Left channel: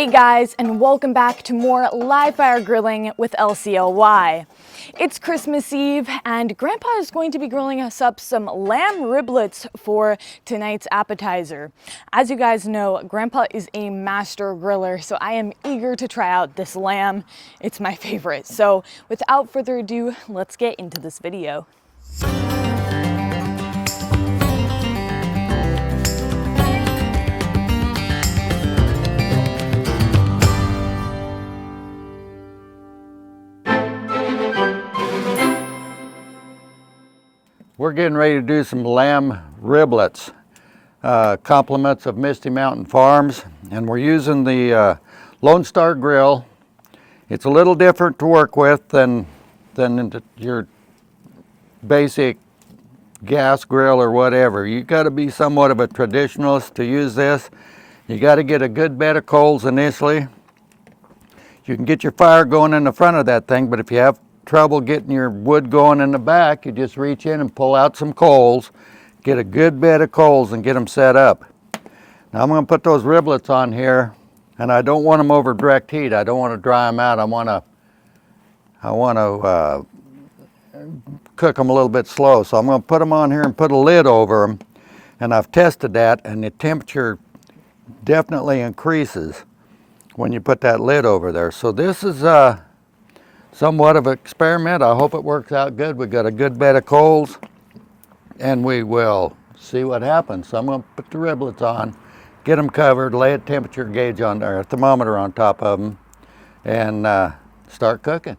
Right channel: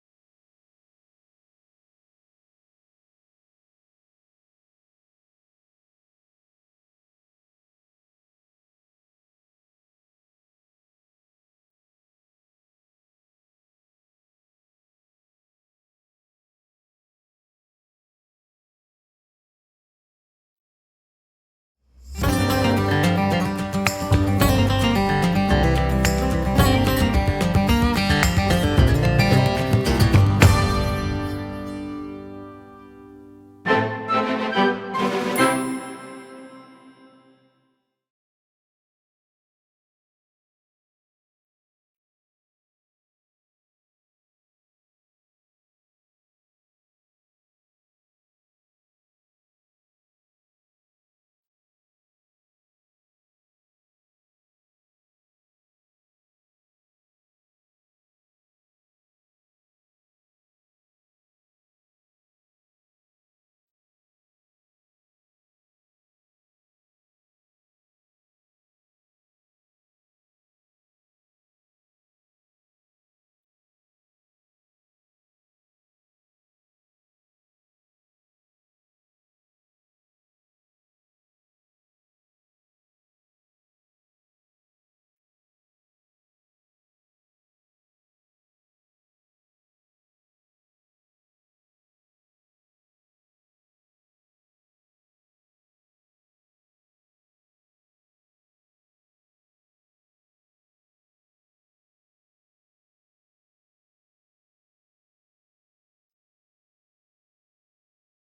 Hey guys, and welcome back to more live fire grilling with LCLY. It's Christmas Eve and Grandpa is going to be grilling us up some lamb riblets for tonight's appetizer. As you guys know, Grandpa is a master griller, so I am eager to try out this lamb. It's my favorite. So without further ado, let's get into this video. We're getting ready to do some lamb riblets, compliments of Misty Mountain Farms, and we're using the Lone Star grill. It's a little different to work with than your basic gas grill or whatever. You got to be somewhat of a traditionalist to use this. You got to get a good bed of coals initially. You can get your fire going in the front of that thing, but if you have trouble getting your wood going in the back, you just reach in and pull out some coals, get a good bed of coals and get them set up. Now I'm going to put those riblets on here, and I don't want them over direct heat. I don't want to dry them out. I want to cook them a little bit slow. So I'm going to put them on here and put a lid over them, and I've tested that, and the temperature definitely increases when you put that lid over there. So this is somewhat of an experiment. I hope it works out good. We've got a good bed of coals, and we will see what happens. So I'm going to put the riblets on, get them covered, lay a temperature gauge on there, a thermometer on top of them, and start cooking.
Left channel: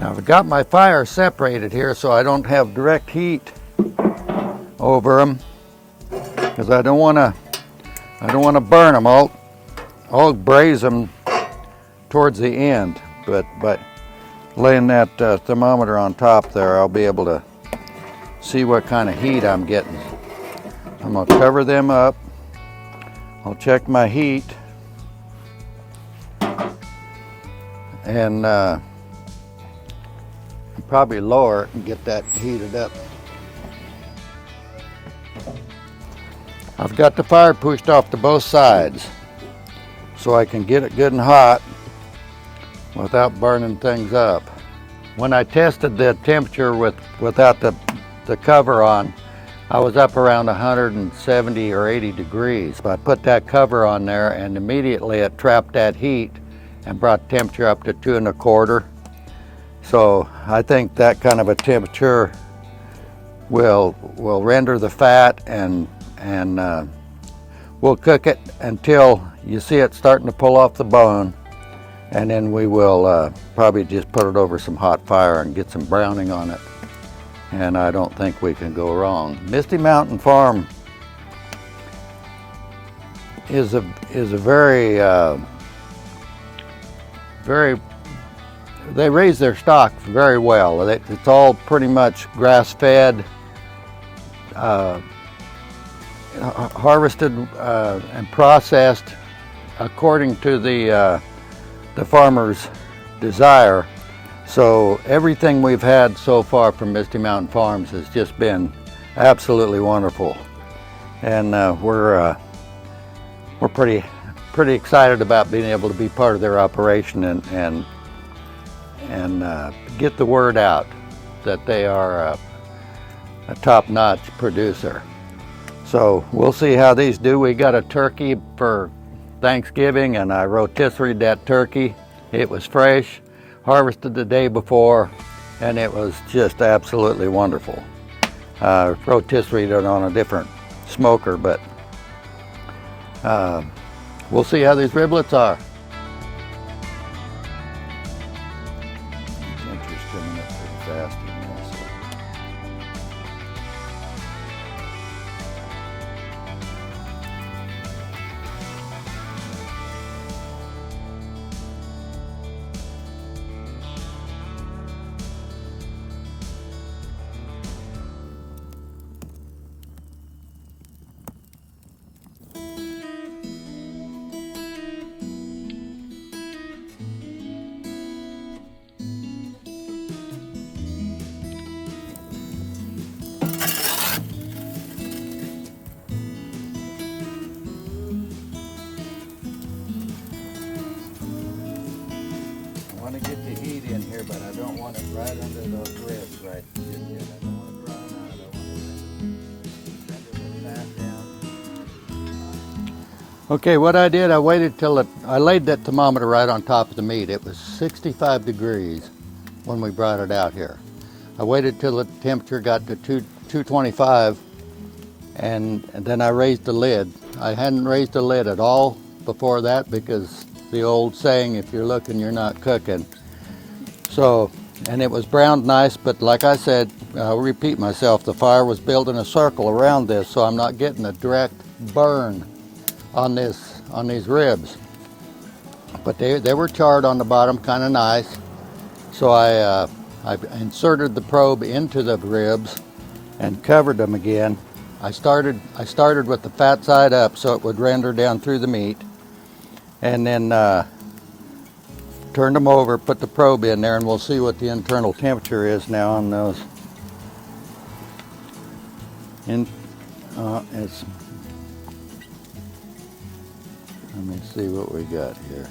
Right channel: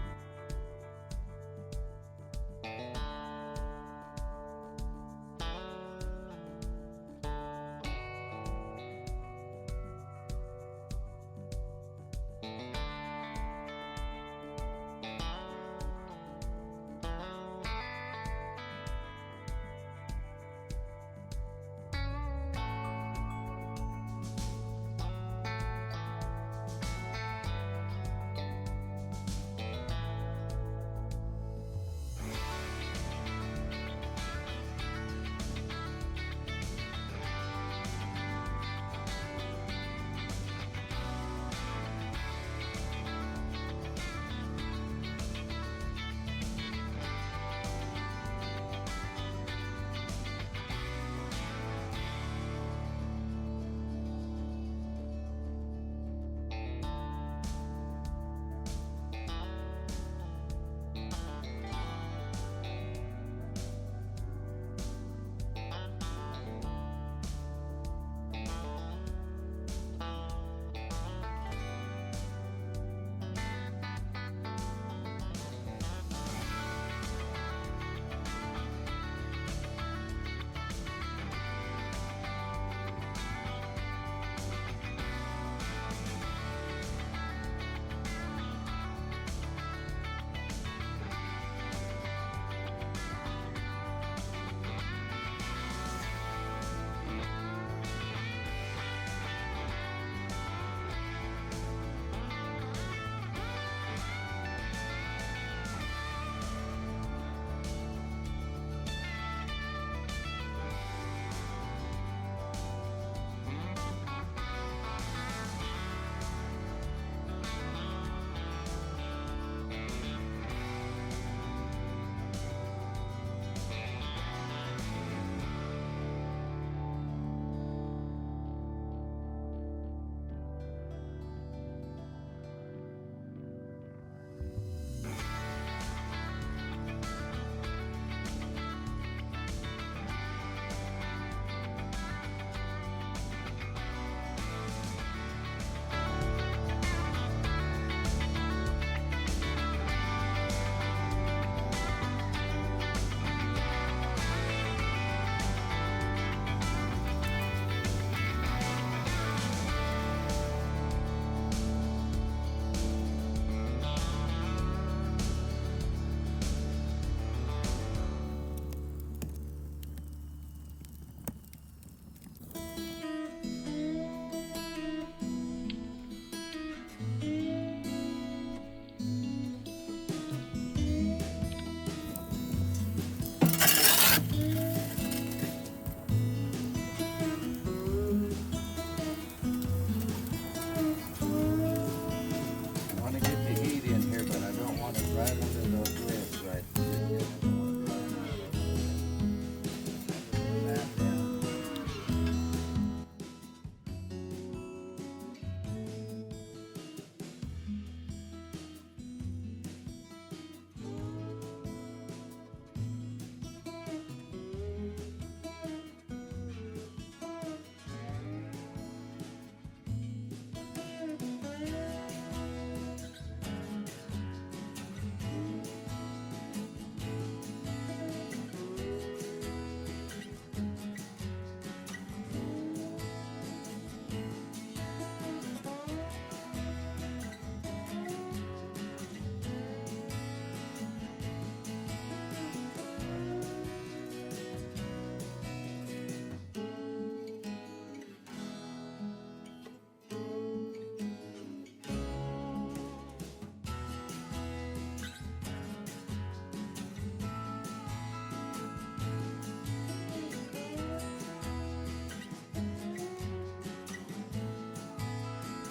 Now I've got my fire separated here so I don't have direct heat over them, because I don't want to burn them. I'll braise them towards the end, but laying that thermometer on top there, I'll be able to see what kind of heat I'm getting. I'm going to cover them up. I'll check my heat, and probably lower it and get that heated up. I've got the fire pushed off to both sides so I can get it good and hot without burning things up. When I tested the temperature without the cover on, I was up around 170 or 80 degrees. So I put that cover on there, and immediately it trapped that heat and brought the temperature up to 2¼ So I think that kind of a temperature will render the fat, and we'll cook it until you see it starting to pull off the bone, and then we will probably just put it over some hot fire and get some browning on it, and I don't think we can go wrong. Misty Mountain Farm is a very they raise their stock very well. It's all pretty much grass-fed, harvested and processed according to the farmer's desire. So everything we've had so far from Misty Mountain Farms has just been absolutely wonderful, and we're pretty excited about being able to be part of their operation and get the word out that they are a top-notch producer. So we'll see how these do. We got a turkey for Thanksgiving, and I rotisseried that turkey. It was fresh, harvested the day before, and it was just absolutely wonderful. Rotisseried it on a different smoker, but we'll see how these riblets are. right under those ribs right there. I don't want to dry them out. Okay, what I did, I waited till I laid that thermometer right on top of the meat. It was 65 degrees when we brought it out here. I waited till the temperature got to 225, and then I raised the lid. I hadn't raised the lid at all before that because the old saying, if you're looking, you're not cooking. So, and it was browned nice, but like I said, I'll repeat myself, the fire was building a circle around this, so I'm not getting a direct burn on these ribs. But they were charred on the bottom, kind of nice. So I inserted the probe into the ribs and covered them again. I started with the fat side up so it would render down through the meat, and then turned them over, put the probe in there, and we'll see what the internal temperature is now on those. Let me see what we got here.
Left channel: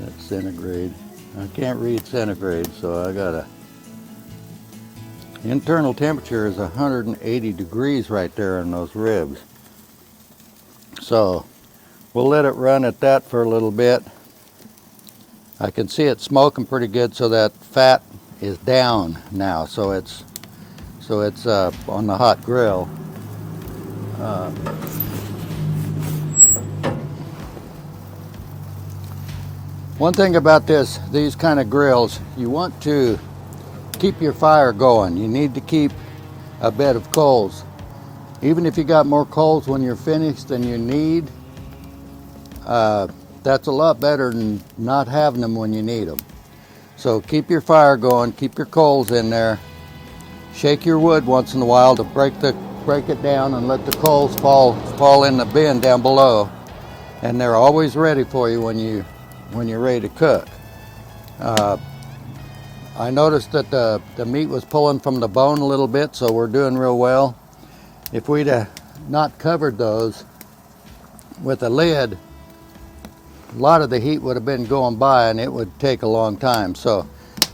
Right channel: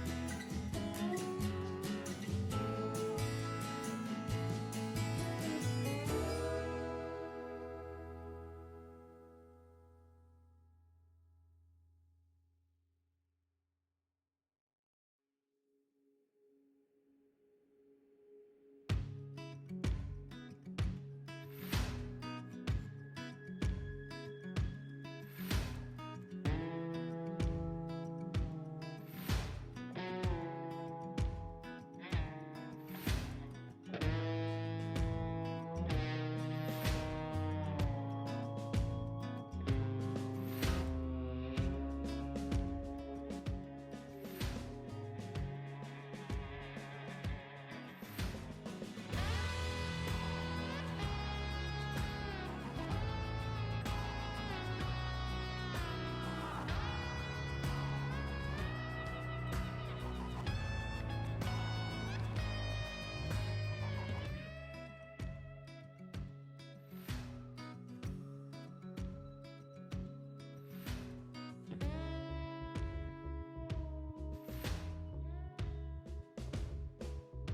That's centigrade. I can't read centigrade, so I gotta. Internal temperature is 180 degrees right there in those ribs. So we'll let it run at that for a little bit. I can see it smoking pretty good, so that fat is down now. So it's on the hot grill. One thing about these kind of grills, you want to keep your fire going. You need to keep a bed of coals. Even if you got more coals when you're finished than you need, that's a lot better than not having them when you need them. So keep your fire going, keep your coals in there. Shake your wood once in a while to break it down and let the coals fall in the bin down below. And they're always ready for you when you're ready to cook. I noticed that the meat was pulling from the bone a little bit, so we're doing real well. If we'd have not covered those with a lid, a lot of the heat would have been going by and it would take a long time. So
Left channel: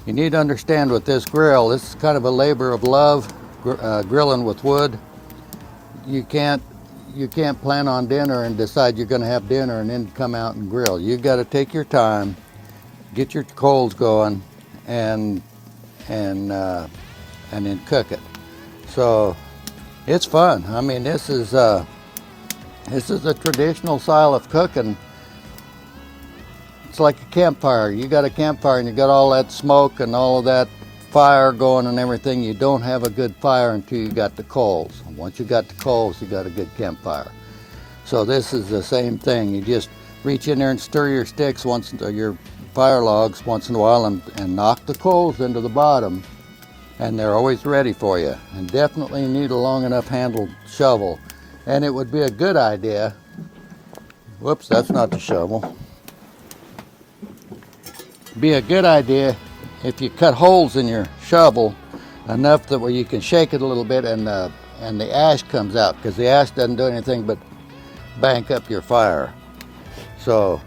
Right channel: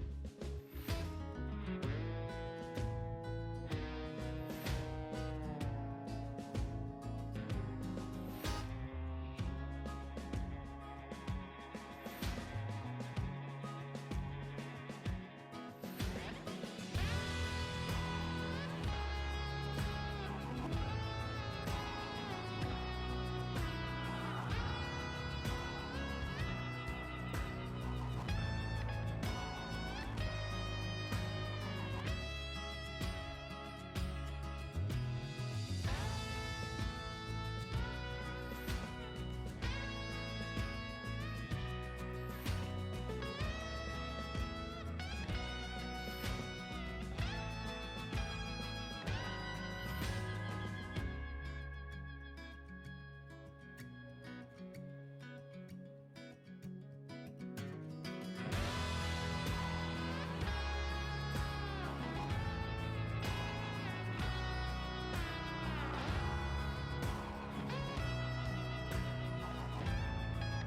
you need to understand with this grill, this is kind of a labor of love, grilling with wood. You can't plan on dinner and decide you're going to have dinner and then come out and grill. You've got to take your time, get your coals going, and then cook it. So it's fun. I mean, this is a traditional style of cooking. It's like a campfire. You got a campfire and you got all that smoke and all of that fire going and everything. You don't have a good fire until you got the coals. Once you got the coals, you got a good campfire. So this is the same thing. You just reach in there and stir your sticks your fire logs once in a while and knock the coals into the bottom, and they're always ready for you. And definitely need a long enough handled shovel. And it would be a good idea, whoops, that's not the shovel. Be a good idea if you cut holes in your shovel enough that where you can shake it a little bit and the ash comes out, because the ash doesn't do anything but bank up your fire. So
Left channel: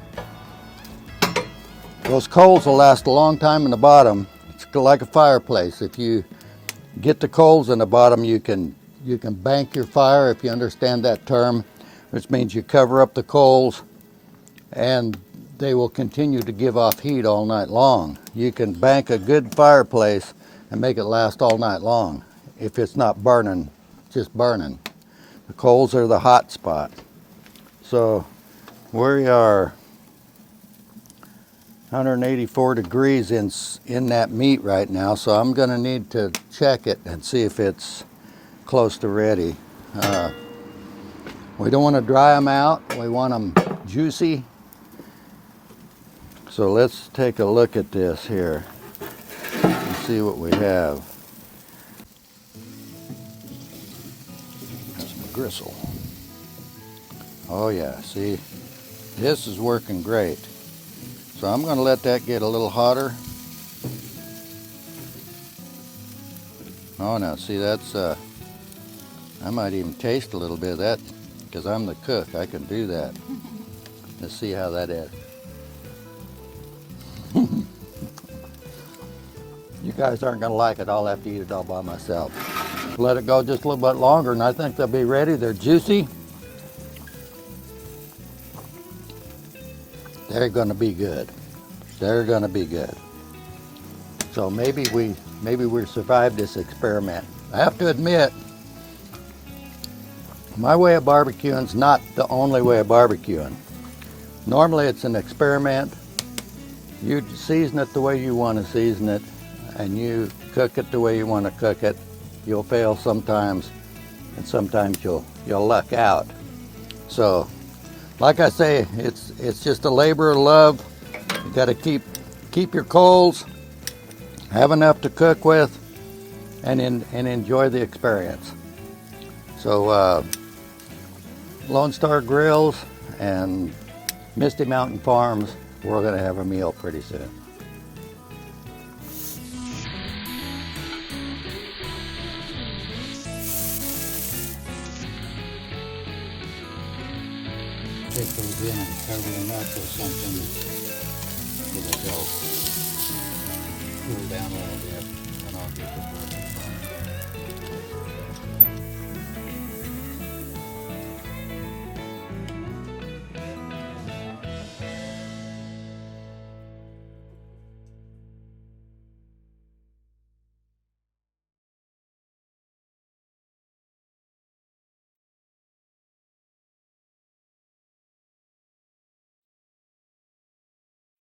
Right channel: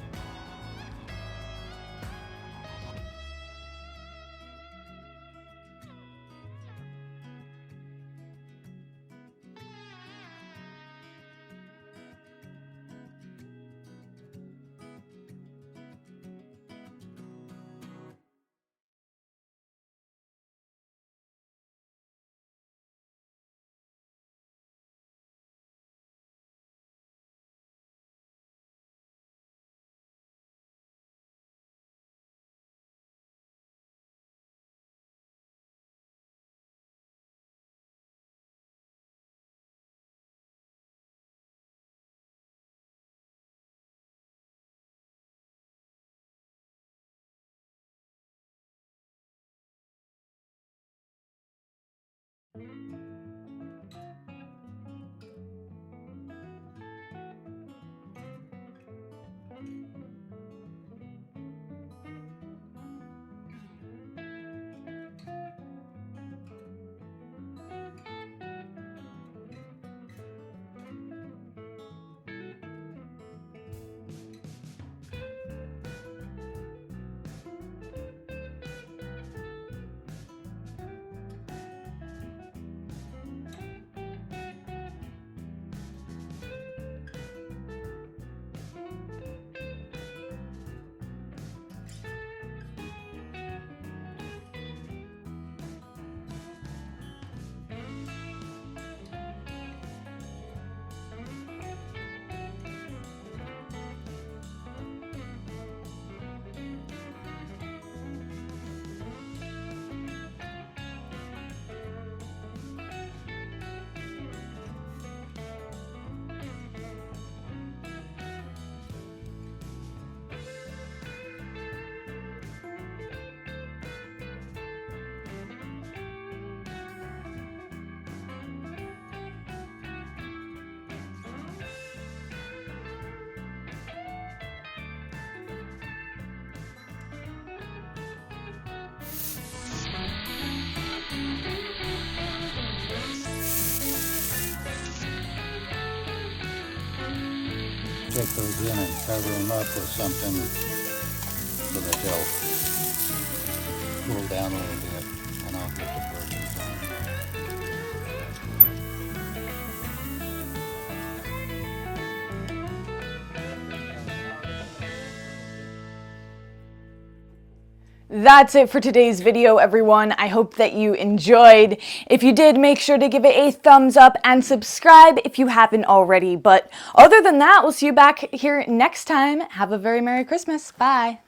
those coals will last a long time in the bottom. It's like a fireplace. If you get the coals in the bottom, you can bank your fire, if you understand that term, which means you cover up the coals and they will continue to give off heat all night long. You can bank a good fireplace and make it last all night long if it's not burning, just burning. The coals are the hot spot. So we are 184 degrees in that meat right now, so I'm going to need to check it and see if it's close to ready. We don't want to dry them out. We want them juicy. So let's take a look at this here and see what we have. Some gristle. Oh yeah, see, this is working great. So I'm going to let that get a little hotter. Oh no, see, that's I might even taste a little bit of that because I'm the cook. I can do that. Let's see how that is. guys aren't gonna like it. I'll have to eat it all by myself. Let it go just a little bit longer and I think they'll be ready. They're juicy. They're gonna be good. They're gonna be good. So maybe we survived this experiment. I have to admit, my way of barbecuing is not the only way of barbecuing. Normally it's an experiment. You season it the way you want to season it, and you cook it the way you want to cook it. You'll fail sometimes, and sometimes you'll luck out. So, like I say, it's just a labor of love. You got to keep your coals, have enough to cook with, and enjoy the experience. So, Lone Star Grills and Misty Mountain Farms, we're going to have a meal pretty soon. Take those in and cover them up with something so that they'll cool down a little bit, and I'll get the bird in front. That's it for today's video, everyone. I hope that you enjoyed. If you did, make sure to give it a thumbs up and subscribe if you haven't already. But other than that, we'll see you back here next time. Have a very Merry Christmas. Bye.